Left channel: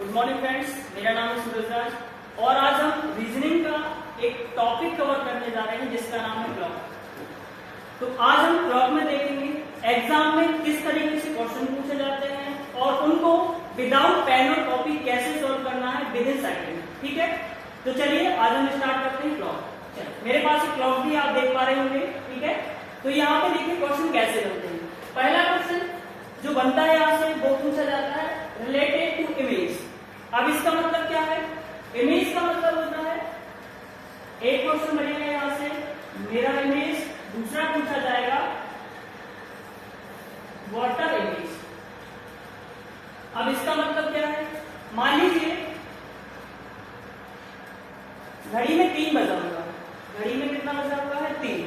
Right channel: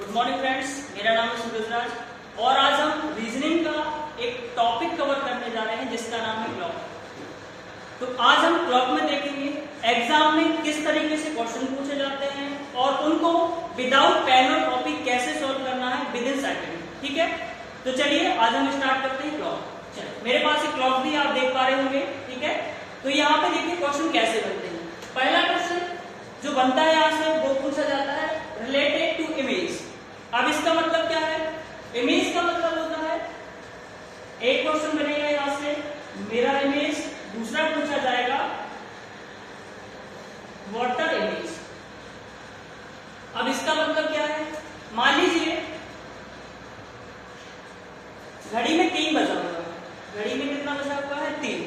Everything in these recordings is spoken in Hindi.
गुड मॉर्निंग फ्रेंड्स, मेरा नाम है सूरज राज और आज हम रीजनिंग का एक टॉपिक कवर करने जा रहे हैं जिसका नाम है क्लॉक। तो आज हम क्लॉक में देखेंगे एग्जाम में किस तरीके से क्वेश्चन पूछे जाते हैं और उनको विदाउट पेन और कॉपी कैसे सोल्व करना है विद इन सेकंड। ठीक है, तो चलिए आज हम स्टार्ट करते हैं क्लॉक। चलिए, मेरे पास एक क्लॉक भी आप देख पा रहे होंगे। ठीक है, तो यहाँ पे देखिए क्वेश्चन कैसे बनते हैं। पहला क्वेश्चन जो बनता है यहाँ से वो पूछा जाता है रिलेटेड टू इमेज। अब इसका मतलब क्या है? इमेज का मतलब होता है एक क्वेश्चन बनेगा यहां से मिरर इमेज, दूसरा पूछा जाएगा वाटर इमेज। अब इसका मतलब क्या है? मान लीजिए घड़ी में 3 बजा हुआ है। घड़ी में कितना बजा हुआ है? 3।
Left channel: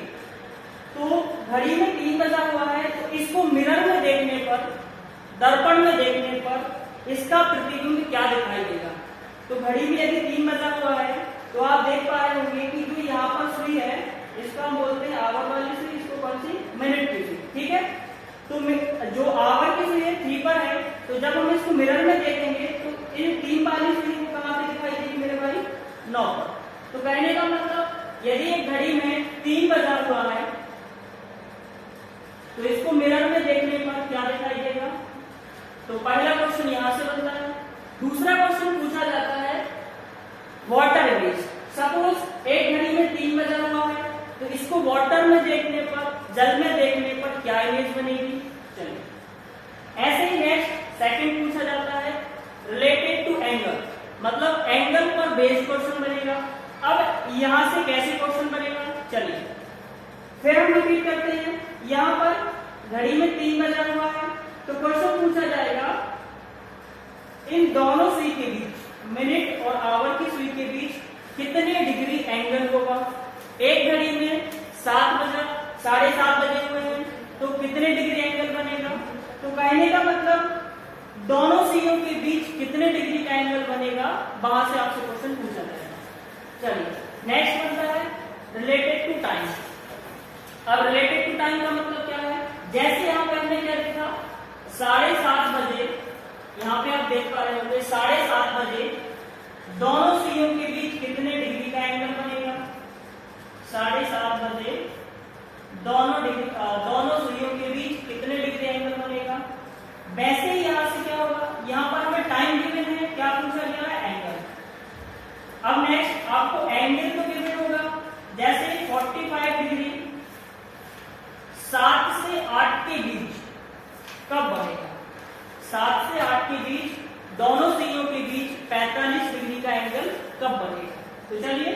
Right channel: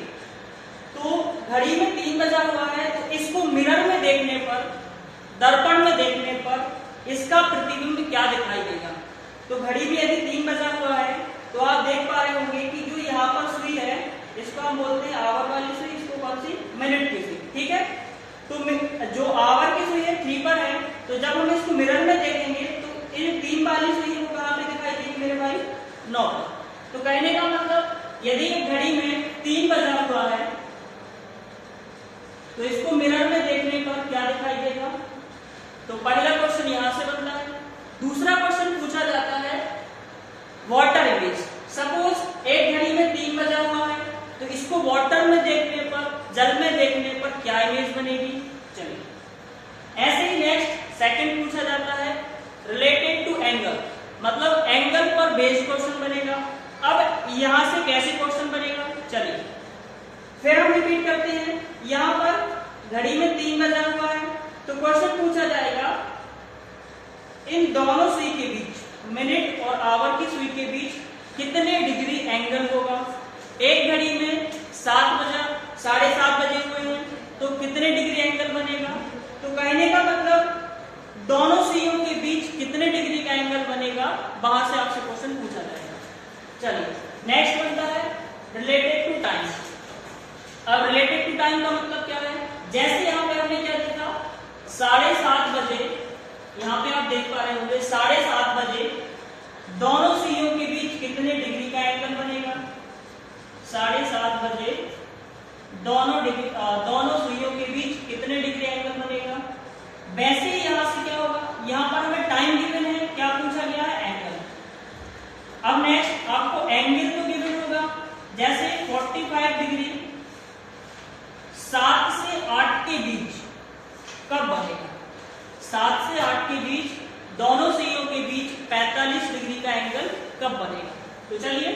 तो घड़ी में 3 बजा हुआ है तो इसको मिरर में देखने पर, दर्पण में देखने पर इसका प्रतिबिंब क्या दिखाई देगा। तो घड़ी में यदि 3 बजा हुआ है तो आप देख पा रहे होंगे कि जो यहाँ पर सुई है इसको हम बोलते हैं आवर वाली सुई, इसको कौन सी? मिनट की सुई। ठीक है, तो जो आवर की सुई है 3 पर है, तो जब हम इसको मिरर में देखेंगे तो इन 3 वाली सुई को कहाँ पे दिखाई देगी मेरे भाई? 9 पर। तो कहने का मतलब यदि एक घड़ी में 3 बजा हुआ है तो इसको मिरर में देखने पर क्या दिखाई देगा? तो पहला क्वेश्चन यहां से बनता है। दूसरा क्वेश्चन पूछा जाता है वाटर इमेज। सपोज एक घड़ी में 3 बजा हुआ है तो इसको वाटर में देखने पर, जल में देखने पर क्या इमेज बनेगी? चलिए, ऐसे ही नेक्स्ट सेकंड पूछा जाता है रिलेटेड टू एंगल, मतलब एंगल पर बेस्ड क्वेश्चन बनेगा। अब यहां से कैसे क्वेश्चन बनेगा? चलिए फिर हम रिपीट करते हैं। यहां पर घड़ी में 3 बजा हुआ है तो क्वेश्चन पूछा जाएगा इन दोनों सुई के बीच, मिनट और आवर की सुई के बीच कितने डिग्री एंगल होगा। एक घड़ी में 7 बजा, 7:30 बजे हुए हैं तो कितने डिग्री एंगल बनेगा? तो कहने का मतलब दोनों सुइयों के बीच कितने डिग्री का एंगल बनेगा, वहां से आपसे क्वेश्चन पूछा जाएगा। चलिए नेक्स्ट बनता है रिलेटेड टू टाइम। अब रिलेटेड टू टाइम का मतलब क्या है? जैसे यहां पे हमने क्या देखा, 7:30 बजे, यहाँ पे आप देख पा रहे होंगे 7:30 बजे दोनों सुइयों के बीच कितने डिग्री का एंगल बनेगा? 7:30 बजे दोनों सुइयों के बीच कितने डिग्री एंगल बनेगा? वैसे ही यहां से क्या होगा, यहाँ पर हमें टाइम गिवन है, क्या पूछा गया है? एंगल। अब नेक्स्ट आपको एंगल तो गिवन होगा, जैसे 45 डिग्री 7 से 8 के बीच कब बनेगा? 7 से 8 के बीच दोनों सुइयों के बीच 45 डिग्री का एंगल कब बनेगा? तो चलिए,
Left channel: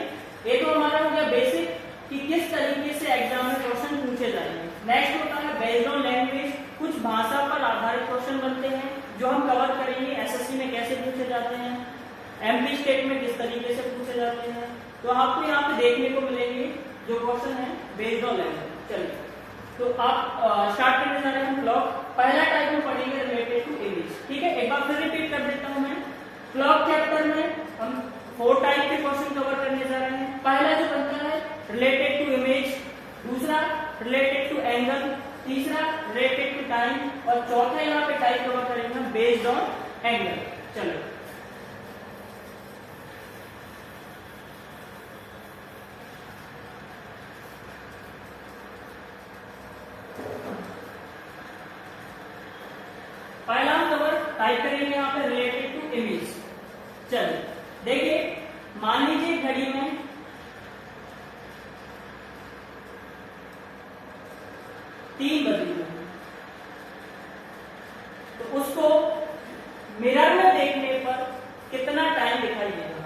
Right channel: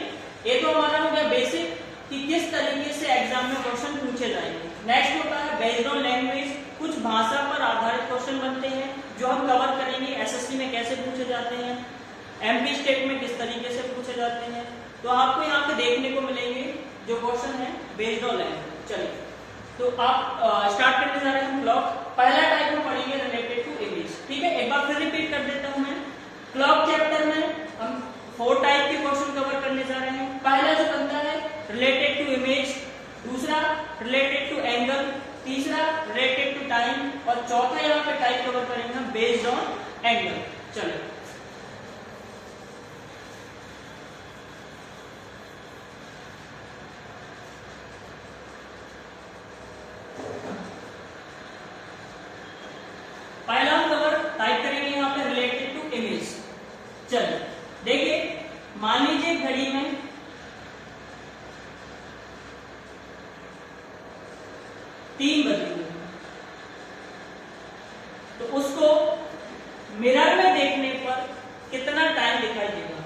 ये तो हमारा हो गया बेसिक कि किस तरीके से एग्जाम में क्वेश्चन पूछे जाएंगे। नेक्स्ट होता है बेस्ड ऑन लैंग्वेज। कुछ भाषा पर आधारित क्वेश्चन बनते हैं जो हम कवर करेंगे। एसएससी में कैसे पूछे जाते हैं, एमपी स्टेट में किस तरीके से पूछे जाते हैं, तो आपको यहाँ पे देखने को मिलेंगे जो क्वेश्चन है बेस्ड ऑन लैंग्वेज। चलिए, तो आप स्टार्ट करने जा रहे हैं हम क्लॉक। पहला टाइप में पढ़ेंगे रिलेटेड टू इमेज। ठीक है, एक बार फिर रिपीट कर देता हूं मैं। क्लॉक चैप्टर में हम 4 टाइप के क्वेश्चन कवर करने जा रहे हैं। पहला जो बनता है रिलेटेड टू इमेज, दूसरा रिलेटेड टू एंगल, तीसरा रिलेटेड टू टाइम और चौथा यहाँ पे टाइप कवर करेंगे हम बेस्ड ऑन एंगल। चलो पहला हम कवर टाइप करेंगे यहाँ पे रिलेटेड टू इमेज। चलिए देखिए, मान लीजिए घड़ी में 3 बजे हुए तो उसको मिरर में देखने पर कितना टाइम दिखाई देगा।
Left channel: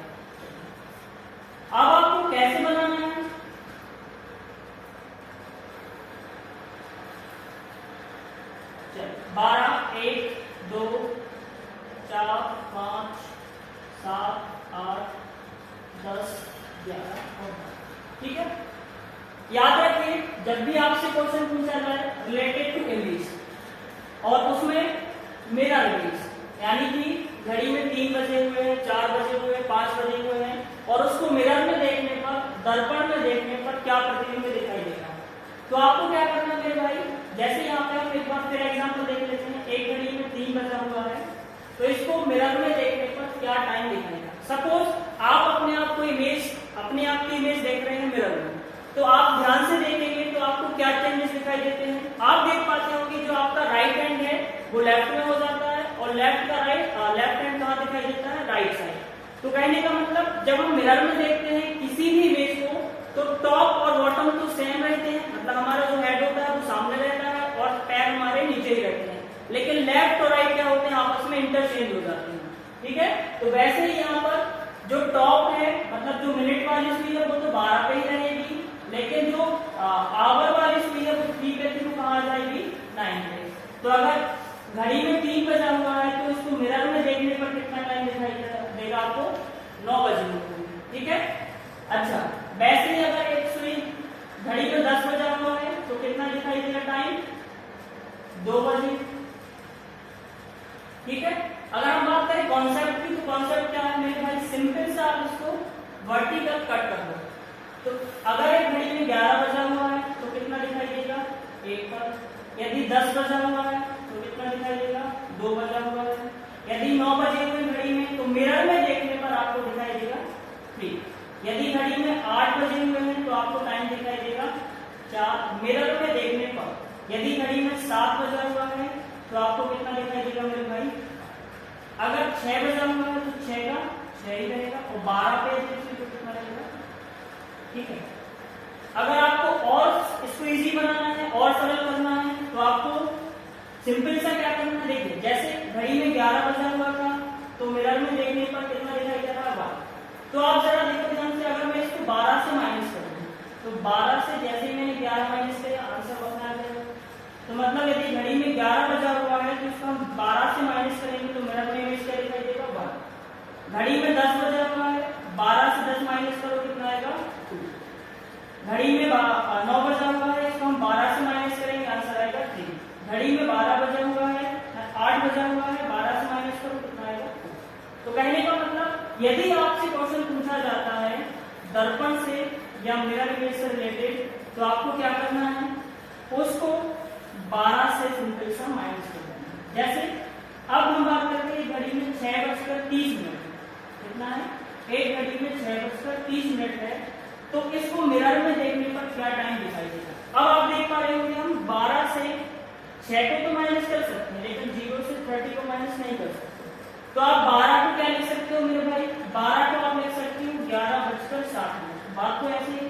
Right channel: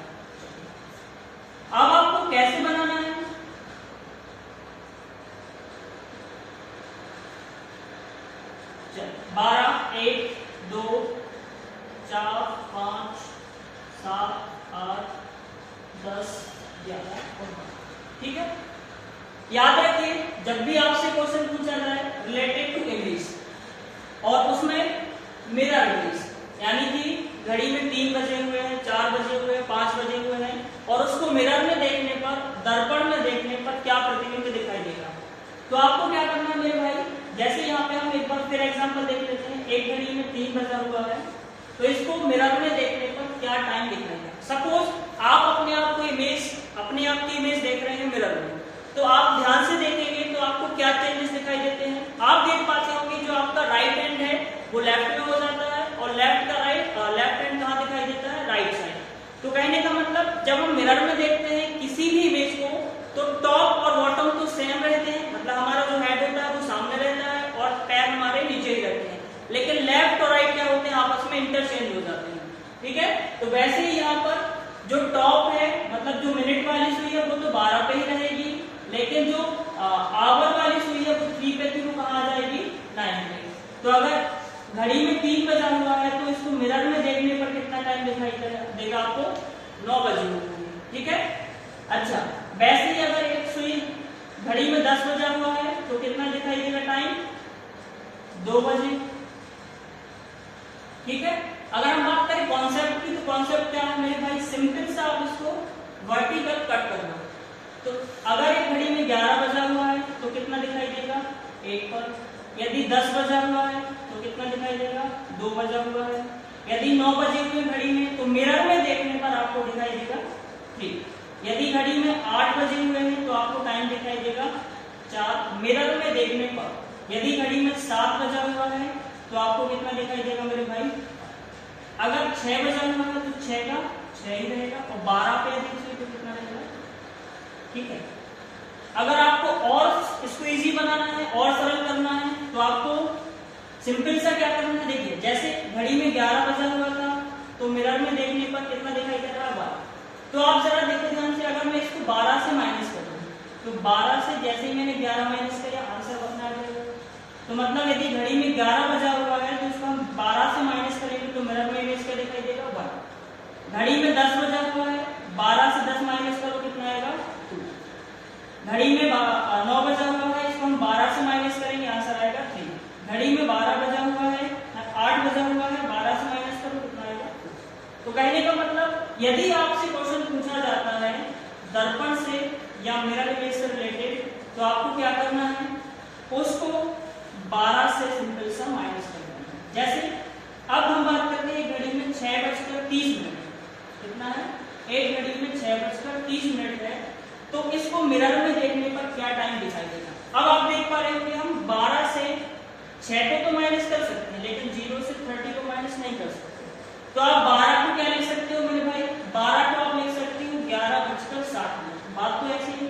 अब आपको कैसे बनाना है? चलिए 12, 1, 2, 4, 5, 7, 8, 10, 11 और 12। ठीक है, याद रखिए जब भी आपसे क्वेश्चन पूछा जाए रिलेटेड टू इमेज और उसमें मिरर इमेज, यानी कि घड़ी में 3 बजे हुए हैं, 4 बजे हुए हैं, 5 बजे हुए हैं और उसको मिरर में देखने पर, दर्पण में देखने पर क्या प्रतिबिंब दिखाई देगा। तो आपको क्या करना है मेरे भाई, जैसे यहाँ पे हम एक बार फिर एग्जांपल देख लेते हैं। एक घड़ी में 3 बजा हुआ है तो इसको मिरर में देखने पर क्या टाइम दिखाएगा। सपोज आप अपने आप को अपने आप की इमेज देख रहे हैं मिरर में, तो आप ध्यान से देखेंगे तो आपको क्या चेंजेस दिखाई देते हैं। आप देख पाते होंगे जो आपका राइट हैंड है वो लेफ्ट में हो जाता है और लेफ्ट हैंड कहाँ दिखाई देता है, राइट साइड। तो कहने का मतलब जब हम मिरर में देखते हैं किसी भी इमेज को तो टॉप और बॉटम तो सेम रहते हैं, मतलब हमारा जो हेड होता है वो सामने रहता है और पैर हमारे नीचे ही रहते हैं, लेकिन लेफ्ट और राइट क्या होते हैं, आपस में इंटरचेंज हो जाते हैं। ठीक है, तो वैसे ही यहाँ पर जो टॉप है मतलब जो मिनट वाली सुई है वो तो 12 पे ही रहेगी, लेकिन जो आवर वाली सुई है वो 3 पे थी, वो कहाँ आ जाएगी, 9 पे। तो अगर घड़ी में 3 बजा हुआ है तो इसको मिरर में देखने पर कितना टाइम दिखाई देगा आपको, 9 बजे होगी। ठीक है, अच्छा वैसे ही अगर एक सुई घड़ी में 10 बजा हुआ है तो कितना दिखाई देगा टाइम, 2 बजे। ठीक है, अगर हम बात करें कॉन्सेप्ट की तो कॉन्सेप्ट क्या है मेरे भाई, सिंपल सा आप इसको वर्टिकल कट कर दो। तो अगर एक घड़ी में 11 बजा हुआ है तो कितना दिखाई देगा, 1 पर। यदि 10 बजा हुआ है तो कितना दिखाई देगा, 2 बजा हुआ है। यदि 9 बजे हुए घड़ी में तो मिरर में देखने पर आपको दिखाई देगा 3। यदि घड़ी में 8 बजे हुए हैं तो आपको टाइम दिखाई देगा 4 मिरर में देखने पर। यदि घड़ी में 7 बजा हुआ है तो आपको कितना दिखाई देगा मेरे भाई, अगर 6 बजा हुआ है तो 6 का 6 ही रहेगा और 12 पे देखिए तो कितना रहेगा। ठीक है, अगर आपको और इसको इजी बनाना है और सरल करना है तो आपको सिंपल सा क्या करना है, देखिए जैसे घड़ी में 11 बजा हुआ था तो मिरर में देखने पर कितना दिखाई दे रहा है, 12। तो आप जरा देखो ध्यान से, अगर मैं इसको 12 से माइनस कर दूं तो 12 से जैसे ही मैंने 11 माइनस किया आंसर बना आ जाएगा। तो मतलब यदि घड़ी में 11 बजा हुआ है तो इसको हम 12 से माइनस करेंगे तो मिरर में इमेज क्या दिखाई देगा, 1। घड़ी में 10 बजा हुआ है, 12 से 10 माइनस करो कितना आएगा, 2। घड़ी में 9 बजा हुआ है, इसको हम 12 से माइनस करेंगे आंसर आएगा 3। घड़ी में 12 बजा हुआ है, 8 बजा हुआ है, 12 से माइनस करो कितना आएगा, 2। तो कहने का मतलब यदि आपसे क्वेश्चन पूछा जाता है दर्पण से या मिरर इमेज से रिलेटेड तो आपको क्या करना है, उसको 12 से सिंपल सा माइनस कर देना है। जैसे अब हम बात करते हैं घड़ी में 6:30 कितना है, एक घड़ी में 6:30 है, तो इसको मिरर में देखने पर क्या टाइम दिखाई देगा। अब आप देख पा रहे हो कि हम 12 से 6 को तो माइनस कर सकते हैं लेकिन 0 से 30 को माइनस नहीं कर सकते। तो आप 12 को क्या लिख सकते हो मेरे भाई, 12 को आप लिख सकते हो 11:60। बात तो ऐसी है,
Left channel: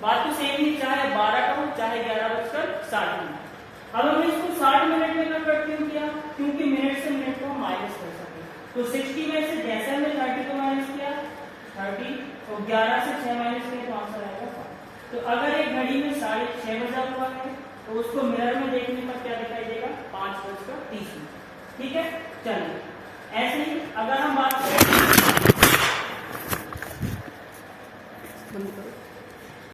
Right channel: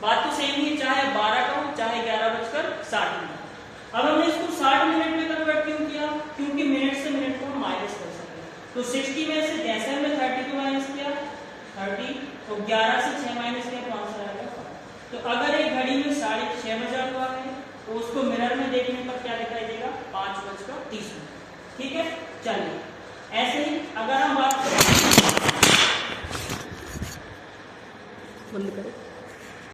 बात तो सेम ही, चाहे 12 का हो चाहे 11:60। अब हमने इसको 60 मिनट में कन्वर्ट क्यों किया, क्योंकि मिनट से मिनट को हम माइनस कर सके। तो 60 में से जैसे हमने 30 को माइनस किया 30, तो 11 से 6 माइनस किया तो आंसर आएगा 5। तो अगर एक घड़ी में 6:30 बजा हुआ है तो उसको मिरर में देखने पर क्या दिखाई देगा, 5:30। ठीक है, चलिए ऐसे ही अगर हम बात करें, बंद करो।